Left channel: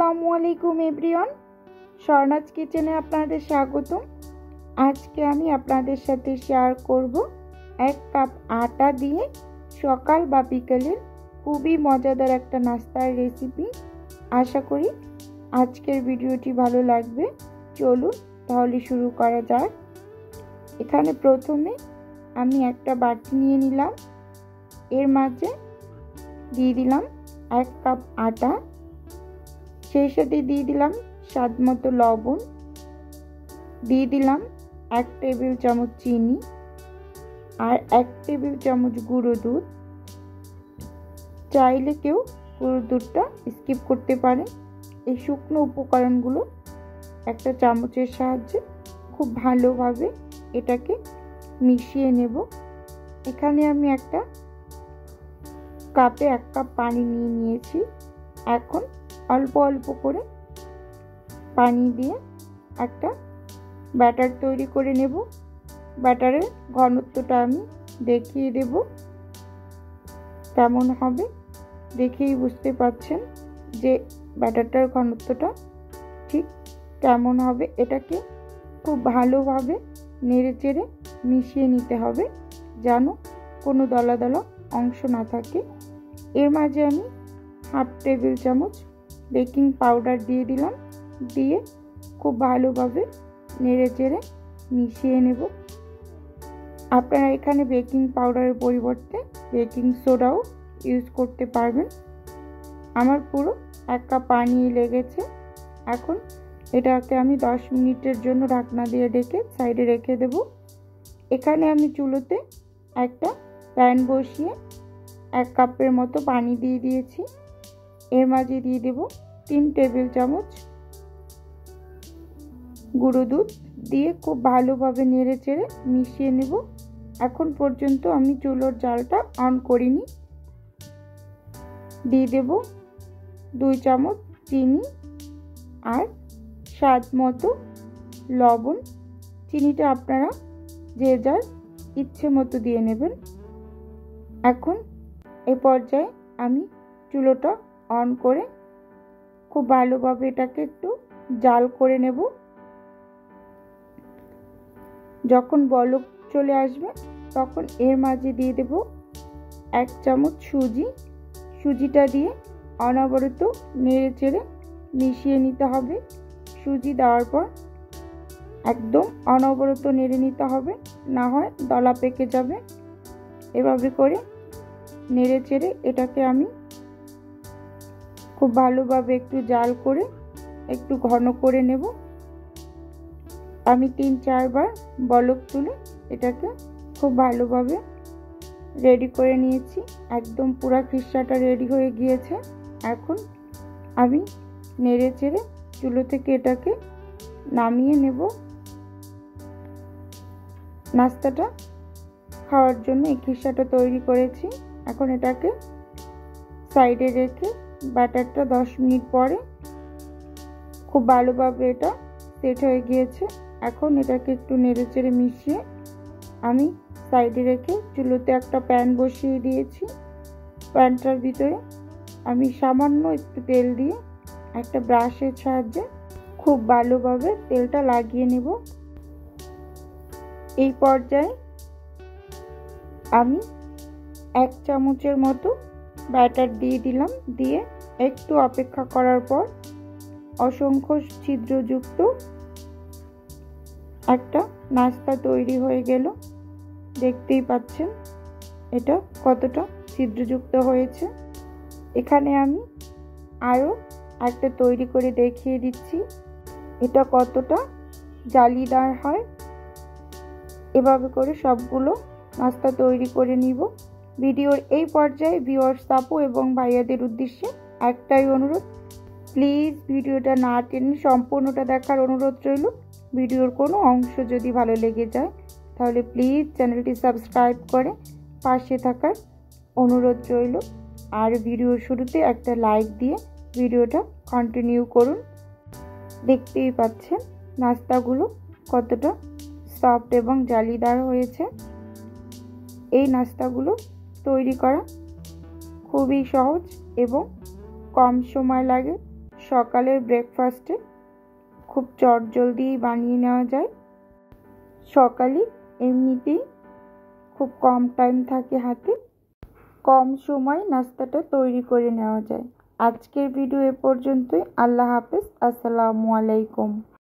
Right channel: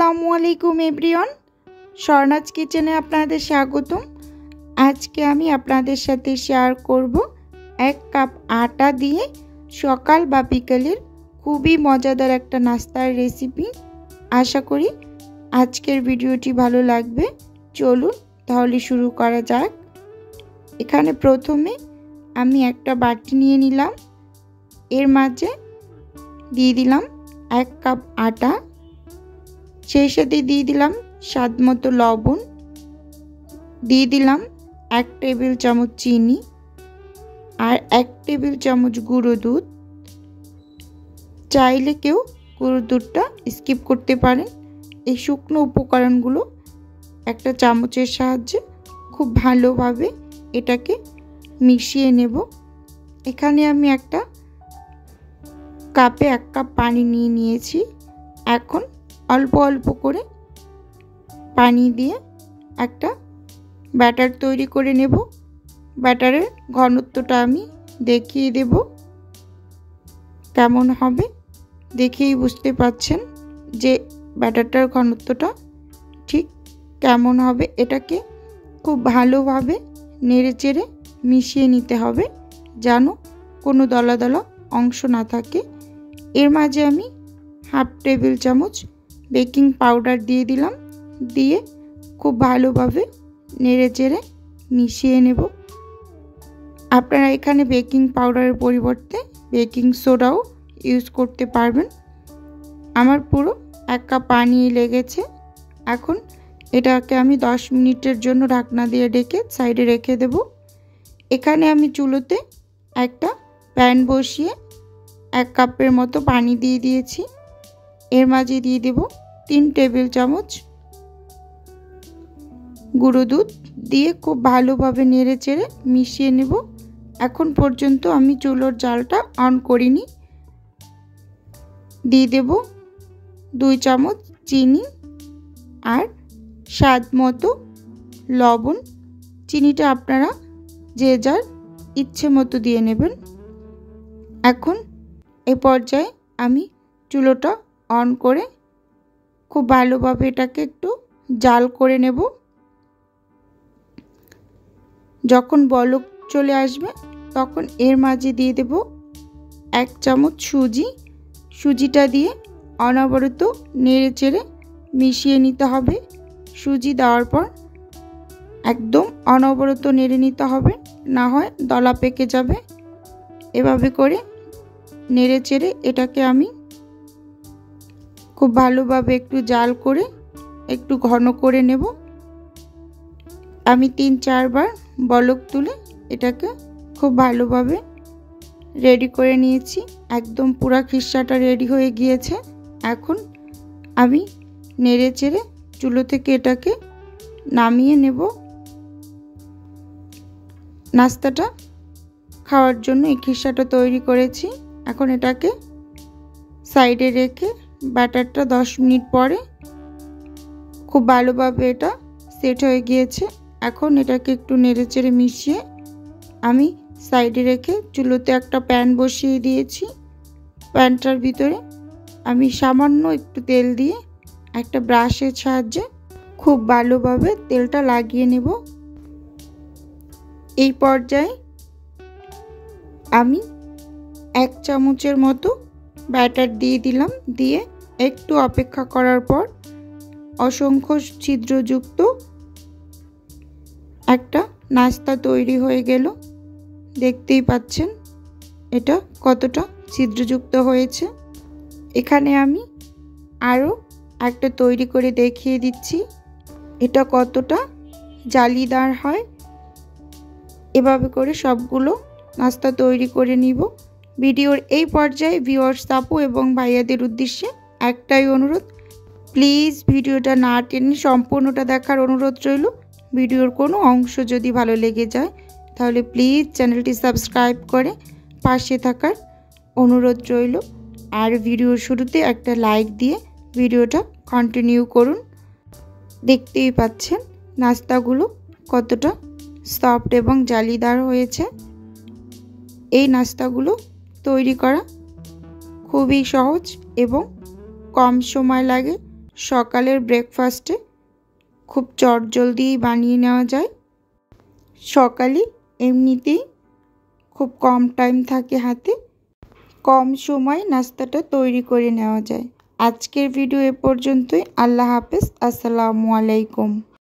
আসসালামু আলাইকুম এভরিওয়ান, স্বর্ণাজ কিচেনে আপনাদের স্বাগতম। আজকে আমি আপনাদের সাথে শেয়ার করব 1 কাপ আটা দিয়ে সকাল বা বিকেলের খুবই মজাদার একটা নাস্তার রেসিপি। আশা করি আজকের ভিডিওটি ভালো লাগবে। চলুন তাহলে শুরু করা যাক। এখানে প্রথমে আমি একটা বাটি নিয়ে নিলাম, এর মাঝে দিয়ে দিলাম 1 কাপ আটা, সেই সাথে দিয়ে দিলাম স্বাদ মতো লবণ, দিয়ে দিলাম 1 টেবিল চামচ চিনি আর 1 টেবিল চামচ গুঁড়ো দুধ। চাইলে কেউ গুঁড়ো দুধটা স্কিপ করতে পারেন। এই শুকনো উপকরণগুলো একটা চামচের সাহায্যে খুব ভালোভাবে এটাকে মিশিয়ে নেব। এখানে আমি একটা কাপে 1 কাপ পানি নিয়ে নিয়েছি। এখন অল্প অল্প করে পানি দিয়ে একটা ব্যাটার তৈরি করে নেব। ব্যাটারের ঘনত্বটা আমি দেখিয়ে দেব, কেমন হবে দেখেই বুঝতে পাচ্ছেন যে ব্যাটারটার ঘনত্বটা ঠিক কেমন হবে। এটাকে খুব ভালোভাবে নেড়েচেড়ে মিশিয়ে নিতে হবে যেন কোনো দলা দলা অংশ না থাকে। এর মাঝে আমি 1/2 টেবিল চামচ বেকিং পাউডার দিয়ে দিলাম, দিয়ে খুব ভালোভাবে নেড়েচেড়ে মিশিয়ে নেব। আপনারা এখানে বেকিং পাউডারের পরিবর্তে বেকিং সোডাও ইউজ করতে পারবেন। আমার পুরো 1 কাপ পানি লেগেছে। এখন এটাকে আমি 10 মিনিটের জন্য ঢাকনা দিয়ে ঢেকে সাইডে রেখে দেব। এখানে আমি চুলোতে একটা প্যান বসিয়ে 1 কাপের মতো পানি দিয়ে দিয়েছি। এর মাঝে দিয়ে দেব 3 টেবিল চামচ গুঁড়ো দুধ, দিয়ে খুব ভালোভাবে নেড়েচেড়ে মিশিয়ে নেব। এখন পর্যন্ত আমি চুলোর জালটা অন করিনি। দিয়ে দেব 2 চামচ চিনি আর স্বাদ মতো লবণ। চিনিটা আপনারা যে যার ইচ্ছে মতো দিয়ে নেবেন। এখন এ পর্যায়ে আমি চুলোটা অন করে খুব ভালোভাবে এটাকে একটু জাল করে নেব। যখন বলক চলে আসবে তখন এর মাঝে দিয়ে দেব 1 চামচ সুজি। সুজিটা দিয়ে অনবরত নেড়েচেড়ে মিশিয়ে নিতে হবে। সুজি দেওয়ার পর একদম অনবরত নেড়ে নিতে হবে, না হয় দলা পেকে যাবে। এভাবে করে নেড়েচেড়ে এটাকে আমি খুব ভালোভাবে একটু জাল করে একটু ঘন করে নেব। আমি 3-4 বার বলক তুলে এটাকে খুব ভালোভাবে রেডি করে নিয়েছি। একদম পুরা খিসাটা রেডি হয়ে গিয়েছে। এখন আমি নেড়েচেড়ে চুলো থেকে এটাকে নামিয়ে নেব। নাস্তাটা খাওয়ার জন্য এই খিসাটা তৈরি করেছি। এখন এটাকে সাইডে রেখে ব্যাটারটা 10 মিনিট পরে খুব ভালোভাবে এটা সেট হয়ে গিয়েছে। এখন এটাকে একটু নেড়েচেড়ে মিশিয়ে আমি সাইডে রেখে চুলোতে একটা প্যান বসিয়ে দিয়েছি। প্যানটার ভিতরে আমি সামান্য একটু তেল দিয়ে একটা ব্রাশের সাহায্যে খুব ভালোভাবে তেলটা লাগিয়ে নেব। এই পর্যায়ে আমি 1 চামচের মতো ব্যাটার দিয়ে দিলাম, দিয়ে একটু অপেক্ষা করার পর অসংখ্য ছিদ্রযুক্ত একটা নাস্তা তৈরি হয়ে গেল। দেখতেই পাচ্ছেন এটা কতটা ছিদ্রযুক্ত হয়েছে। এখানে আমি আরও একটা তৈরি করে দেখিয়ে দিচ্ছি এটা কতটা জালিদার হয়। এভাবে করে সবগুলো নাস্তা তৈরি করে নিব। ভিডিওর এই পর্যায়ে ভিউয়ার্স আপু এবং ভাইয়াদের উদ্দেশ্যে একটাই অনুরোধ, প্লিজ ভিডিওটা না টেনে সম্পূর্ণটা দেখার অনুরোধ রইল। ভিডিওর কোনো অংশ যদি ভালো লেগে যায় তাহলে প্লিজ চ্যানেলটি সাবস্ক্রাইব করে পাশে থাকার অনুরোধ রইল। আর ভিডিওর শুরুতে একটা লাইক দিয়ে ভিডিওটা কন্টিনিউ করুন। দেখতেই পাচ্ছেন নাস্তাগুলো কতটা সফট এবং জালিদার হয়েছে। এই নাস্তাগুলো তৈরি করা খুবই সহজ এবং কম সময় লাগে। সকালের ব্রেকফাস্টে খুব চটজলদি বানিয়ে নেওয়া যায়। সকালে এমনিতেই খুব কম টাইম থাকে হাতে, কম সময় নাস্তাটা তৈরি করে নেওয়া যায়। আজকের ভিডিও এ পর্যন্তই। আল্লাহ হাফেজ। আসসালামু আলাইকুম।